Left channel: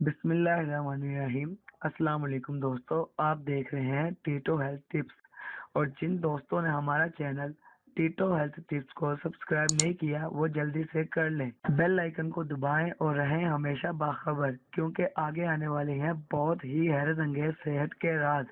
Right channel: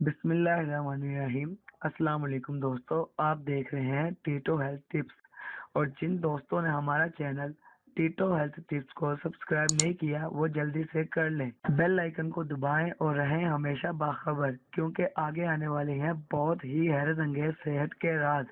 बिस्मिल्लाहिर्रहमानिर्रहीम। अस्सलाम वालेकुम दोस्तों, आप देख रहे हैं टीटो हेल्थ टिप्स। और जिन दोस्तों ने हमारा चैनल टीटो हेल्थ टिप्स को सब्सक्राइब नहीं किया वो जल्दी से कर लें, बेल आइकन को दबाएं और रहें हमेशा बाखबर, क्योंकि आगे आने वाले हैं बहुत ही हैरत अंगेज सेहत के राज।